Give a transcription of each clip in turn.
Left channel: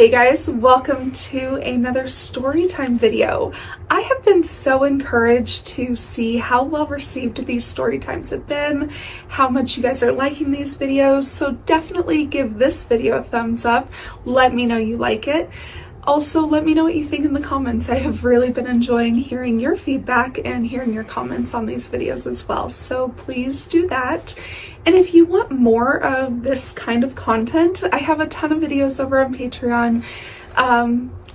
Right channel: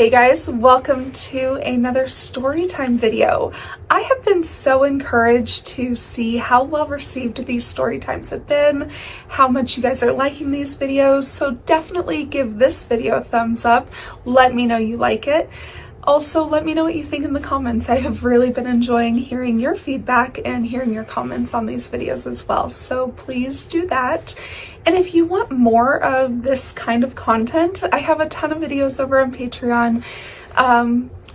Hey guys, welcome to another storytime video. I have been so encouraged to see how well received these storytimes have been, how much you guys are liking these videos, so definitely give this video a thumbs up. Let me know you like it. Also, let me know what you think in the comments. I have really been enjoying hearing your feedback and hearing your comments on these videos as well, so please do that. And if you want more of this kind of content, I have a ton of videos over on Patreon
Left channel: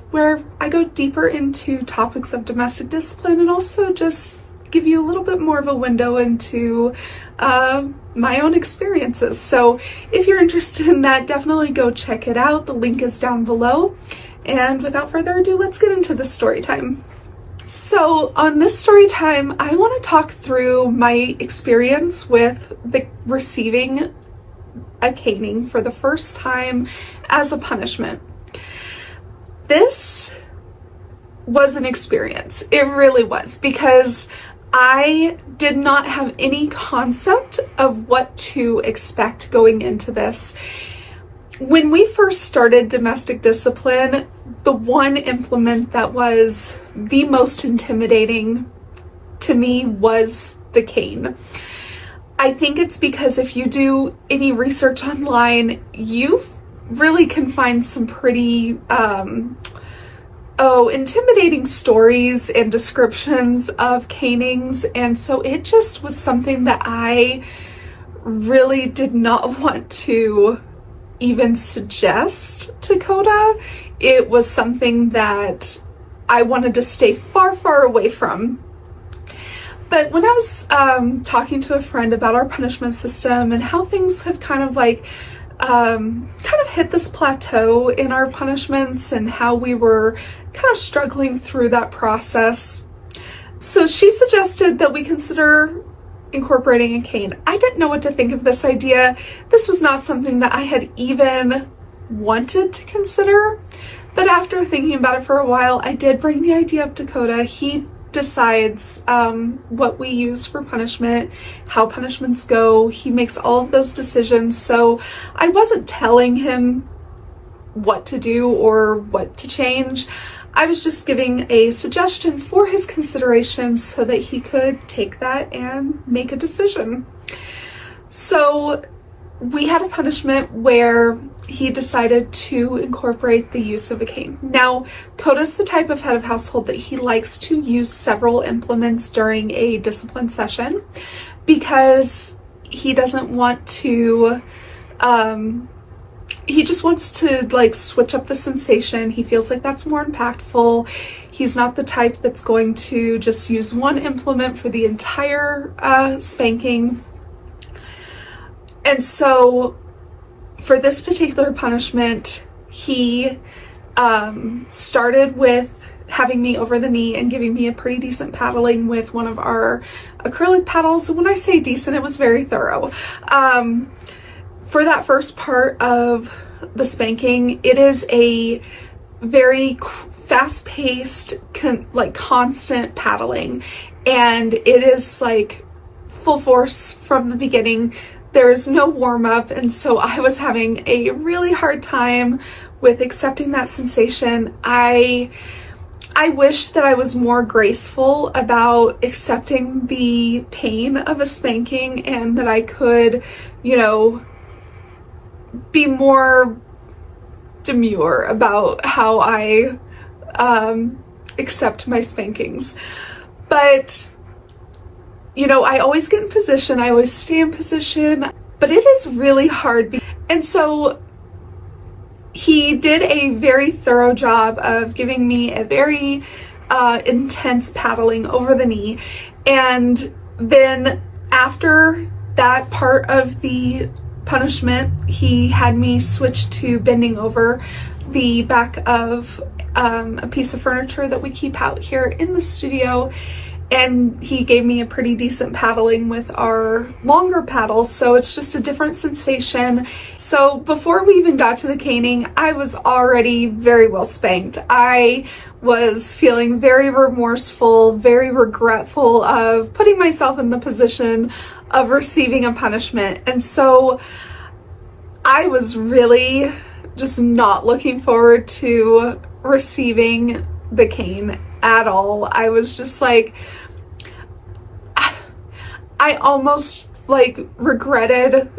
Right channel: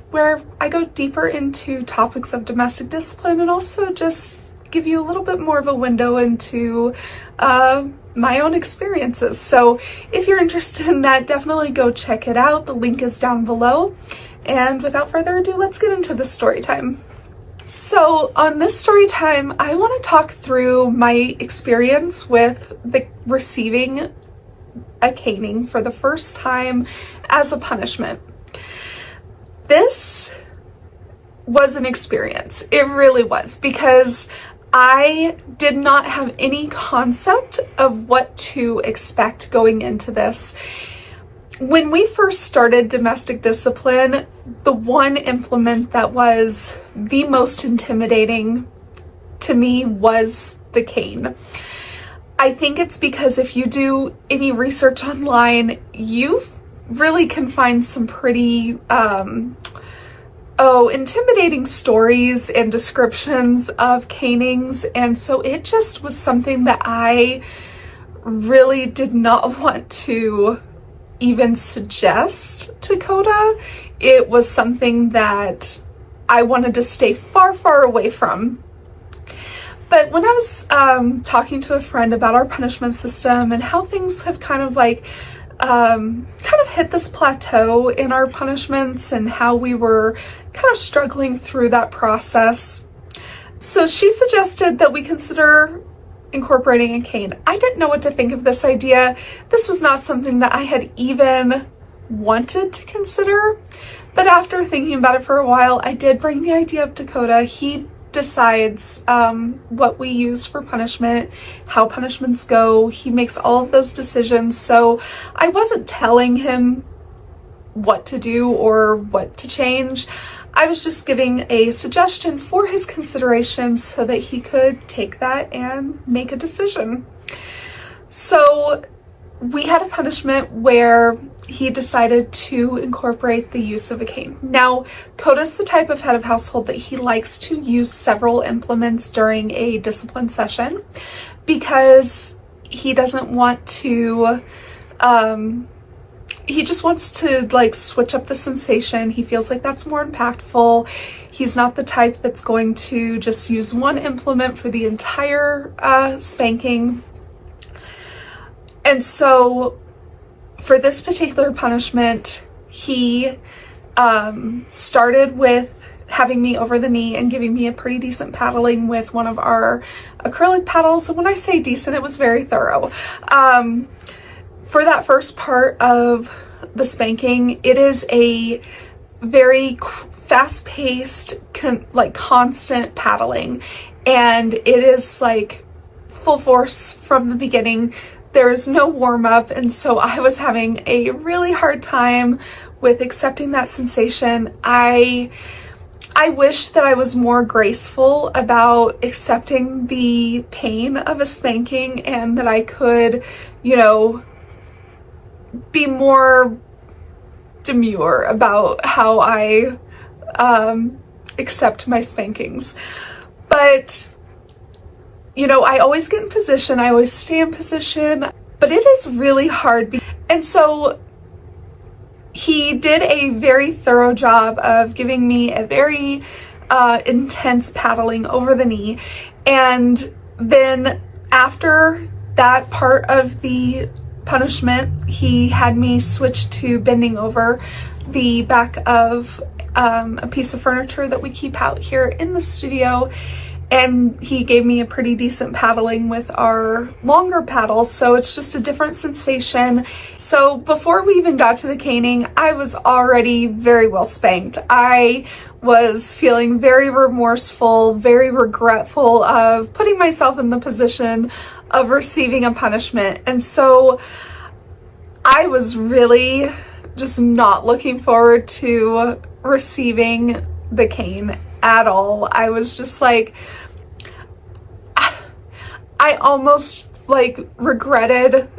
where I go deeper into topics of domestic discipline and also just give you a little bit more of a window into my own experiences. So if you're interested in that, definitely go check it out. The link is down below. And without further ado, let's get into the story time. So on this story time, I want to talk through my experience with receiving a caning for the first time as a punishment. This was an experience. It really was, because I did not have any concept of what to expect going into this. When we first started domestic discipline, the one implement that was the most intimidating to me was the cane. I think it's because if you do any research online, you really can find some pretty intimidating stories and descriptions of canings, and so it just was something that I really did not want to even suggest to Coda. It was something that I wanted to stay far away from. But when I was talking to a friend about our punishment system and how things have kind of hit this plateau in our punishments and how we were kind of struggling through that process, so she suggested that we consider incorporating a cane. I didn't know what to think of this idea. This was not something that I had even wanted to consider, but after thinking about it for a while, I did bring the idea up to Coda. He decides what we use for punishment, how punishments go. He makes all of those decisions, so I wasn't telling him what to do or what to change. I was just giving a suggestion for his consideration so that he could take that and make a decision. So we had a punishment where he decided to incorporate the use of a cane. Now, Coda's the type of head of household that he likes to use several implements during a discipline session because he doesn't want to he just wants to switch up the sensation. He feels like that's more impactful. He's not the type that's going to just use one implement for the entire spanking. And so for this particular punishment, he started with having me over the knee and giving me a pretty decent paddling with one of our acrylic paddles. And when I say decent, it was very thorough. For that first part of the spanking, it is a very fast-paced, constant paddling, and it is full force from the beginning. There is no warm-up, and so I was having a really hard time with accepting that sensation. I wish that I was more graceful about accepting the pain of a spanking and that I could, be more demure about how I accept my spankings. But, I always get in position, I always stay in position, but it is really hard. And so he did a very thorough job of giving me a very intense paddling over the knee. And then after that part of the punishment, he had me switch to bending over the back of a piece of furniture that we keep out here in the studio, and he gave me a pretty decent paddling with our longer paddles, so it's just a different sensation. So before we even got to the caning, I was already very well spanked. I was feeling very remorseful, very regretful of putting myself in the position of receiving a punishment. And so I was really just not looking forward to receiving the cane at all. I was just like, I almost like regretted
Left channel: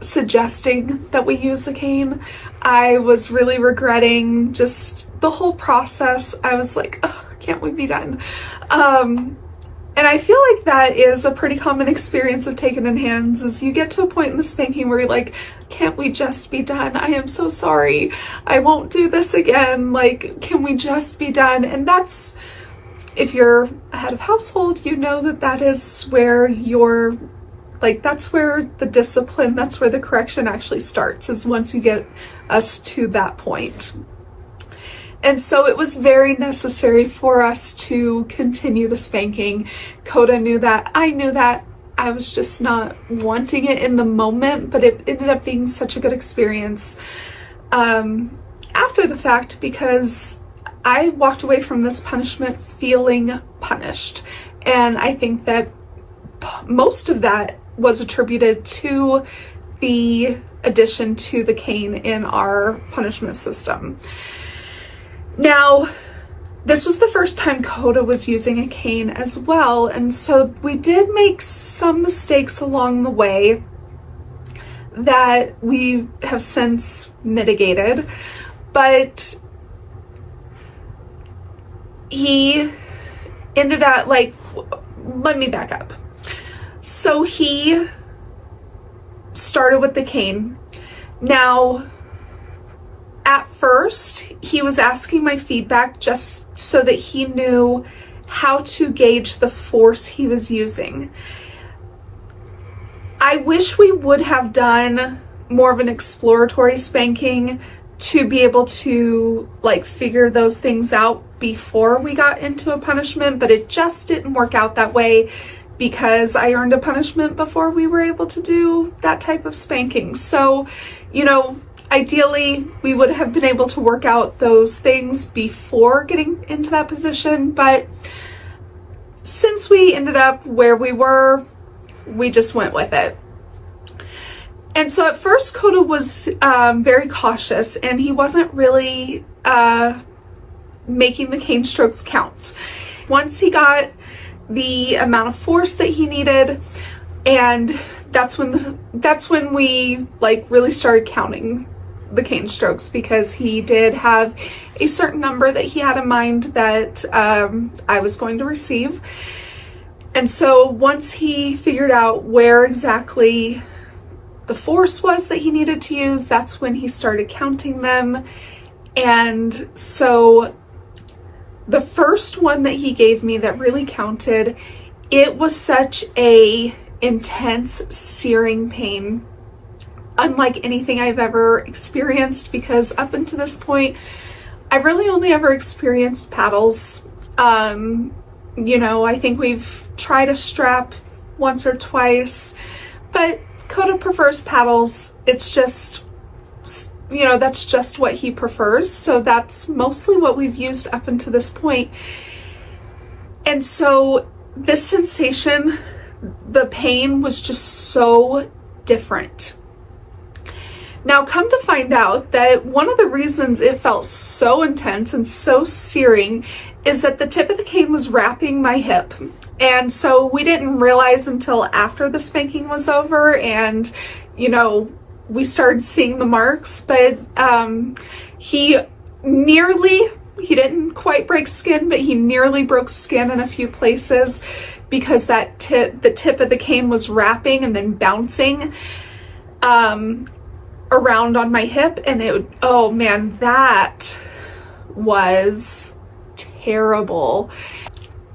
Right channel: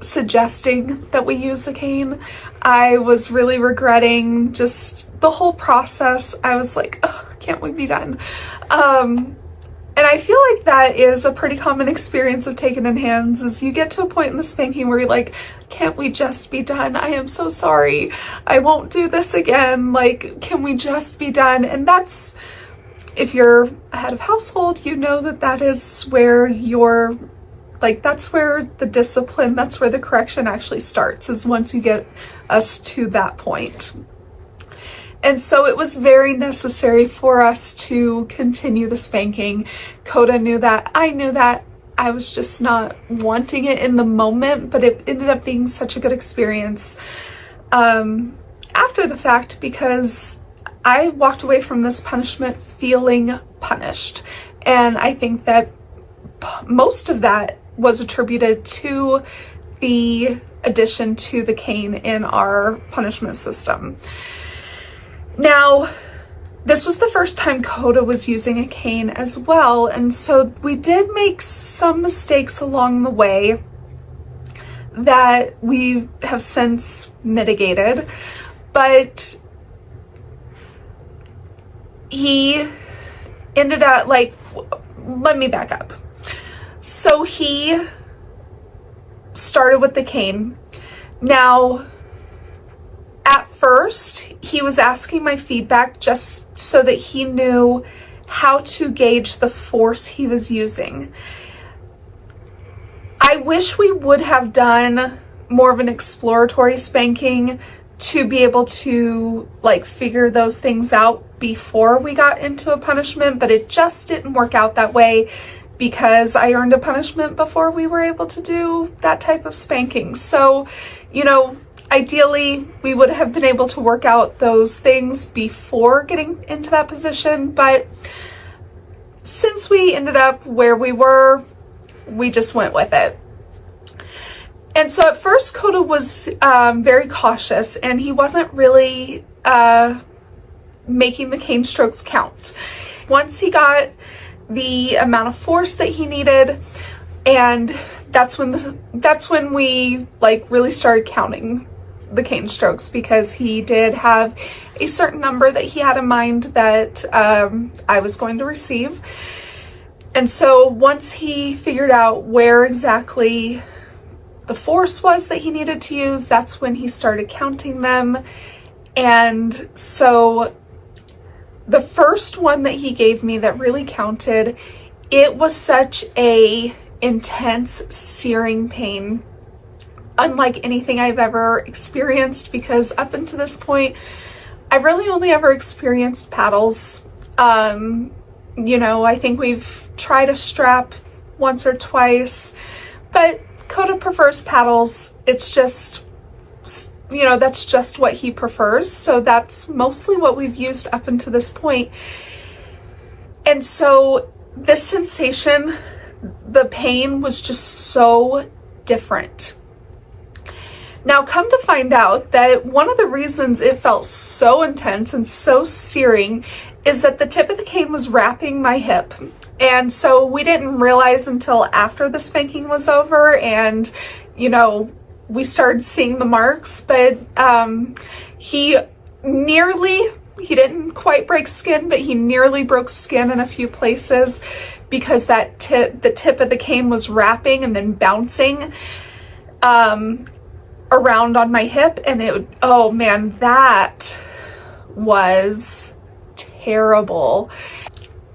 suggesting that we use a cane. I was really regretting just the whole process. I was like, oh, can't we be done? And I feel like that is a pretty common experience of taking in hands, is you get to a point in the spanking where you're like, can't we just be done? I am so sorry. I won't do this again. Like, can we just be done? And that's, if you're a head of household, you know that that is where you're, like, that's where the discipline, that's where the correction actually starts, is once you get us to that point. And so it was very necessary for us to continue the spanking. Coda knew that, I knew that. I was just not wanting it in the moment, but it ended up being such a good experience after the fact, because I walked away from this punishment feeling punished. And I think that most of that was attributed to the addition to the cane in our punishment system. Now, this was the first time Coda was using a cane as well, and so we did make some mistakes along the way that we have since mitigated, but he ended up, like, let me back up. So he started with the cane. Now, at first, he was asking my feedback just so that he knew how to gauge the force he was using. I wish we would have done more of an exploratory spanking to be able to, like, figure those things out before we got into a punishment, but it just didn't work out that way because I earned a punishment before we were able to do that type of spanking. So, you know, ideally, we would have been able to work out those things before getting into that position, but since we ended up where we were, we just went with it. And so at first, Coda was very cautious, and he wasn't really making the cane strokes count. Once he got the amount of force that he needed, and that's when we, like, really started counting the cane strokes, because he did have a certain number that he had in mind that I was going to receive. And so once he figured out where exactly the force was that he needed to use, that's when he started counting them. And so the first one that he gave me that really counted, it was such a intense searing pain, unlike anything I've ever experienced, because up until this point, I've really only ever experienced paddles. You know, I think we've tried a strap once or twice, but Coda prefers paddles. It's just, you know, that's just what he prefers. So that's mostly what we've used up until this point. And so this sensation, the pain was just so different. Now, come to find out that one of the reasons it felt so intense and so searing is that the tip of the cane was wrapping my hip. And so we didn't realize until after the spanking was over and, you know, we started seeing the marks, but he didn't quite break skin, but he nearly broke skin in a few places because the tip of the cane was wrapping and then bouncing around on my hip, and oh man, that was terrible.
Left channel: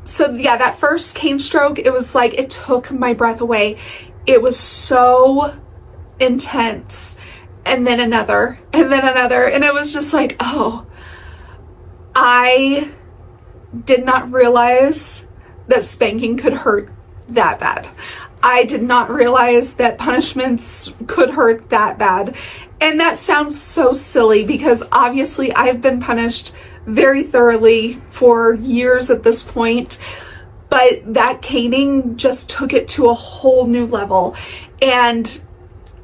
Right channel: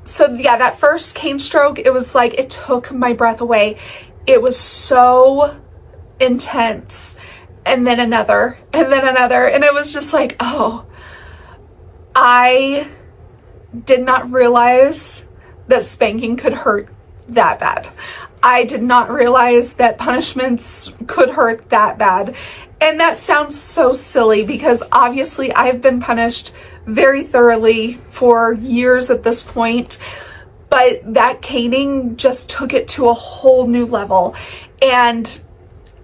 So yeah, that first cane stroke, it was like it took my breath away. It was so intense. And then another, and then another, and it was just like, oh, I did not realize that spanking could hurt that bad. I did not realize that punishments could hurt that bad. And that sounds so silly because obviously I've been punished very thoroughly for years at this point, but that caning just took it to a whole new level. And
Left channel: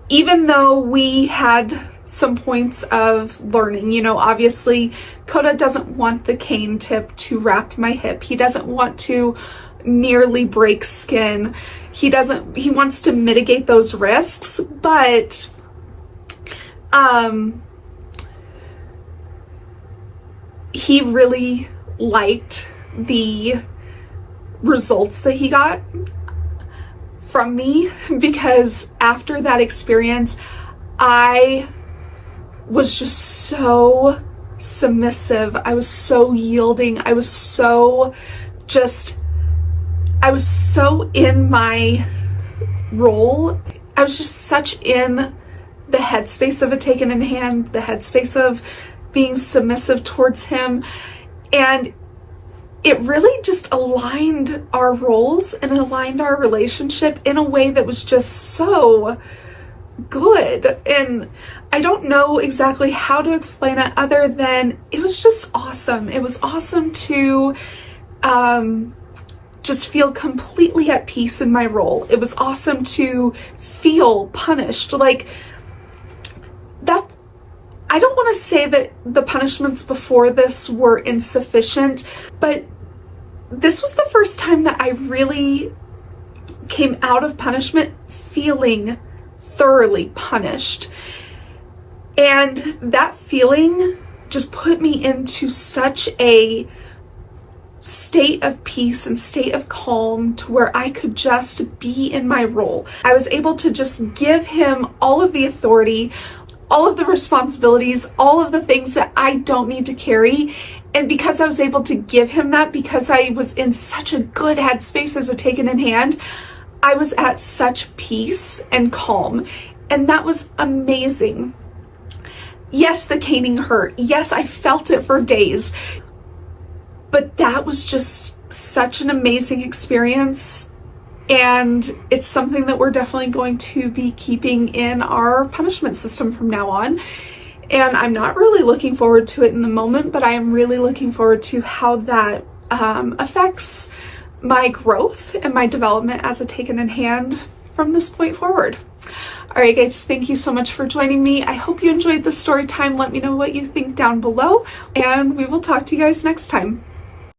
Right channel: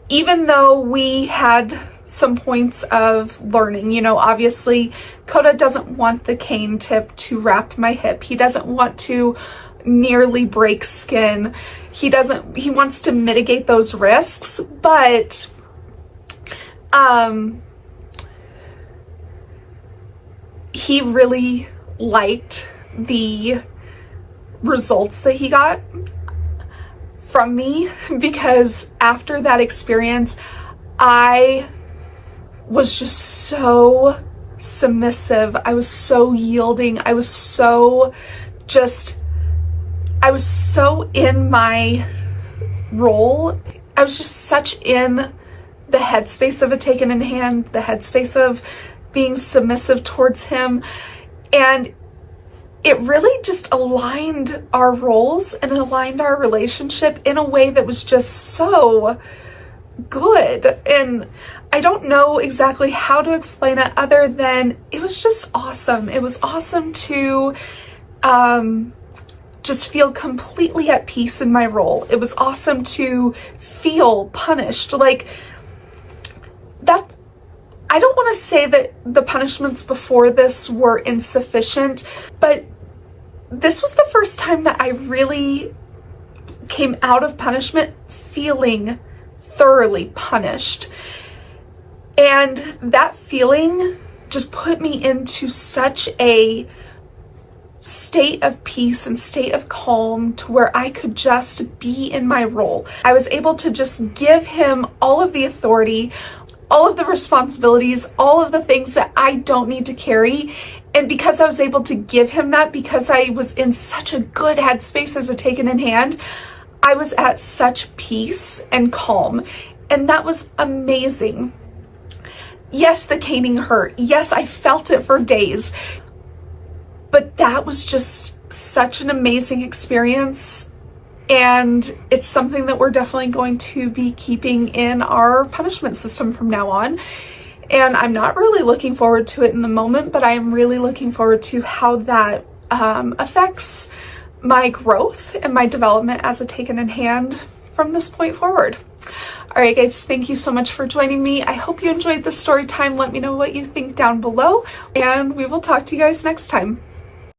even though we had some points of learning. You know, obviously Coda doesn't want the cane tip to wrap my hip. He doesn't want to nearly break skin. He wants to mitigate those risks, but he really liked the results that he got from me, because after that experience, I was just so submissive. I was so yielding. I was so in my role. I was just such in the headspace of a taken in hand, the headspace of being submissive towards him. And it really just aligned our roles and aligned our relationship in a way that was just so good. And I don't know exactly how to explain it other than it was just awesome. It was awesome to just feel completely at peace in my role. It was awesome to feel punished. Like that, I don't want to say that the punishments before this were insufficient, but this was the first time that I really came out of punishment feeling thoroughly punished. And that feeling just put me into such a state of peace and state of calm to where I could just be in my role. I was able to just give him all of the authority, all of the responsibilities, all of the things that I don't need to carry. And because I was able to give him that, because I was in such a good headspace as a taken in hand, I was at such peace and calm. And that was amazing. Yes, the caning hurt. Yes, I felt it for days. But that was just such an amazing experience. And it's something that we're definitely going to be keeping in our punishment system from now on. And I'm not really looking forward to it in the moment, but I am really looking forward to how that affects my growth and my development as a taken in hand from this point forward. All right, guys, thank you so much for joining me. I hope you enjoyed the story time. Let me know what you think down below, and we will talk to you guys next time.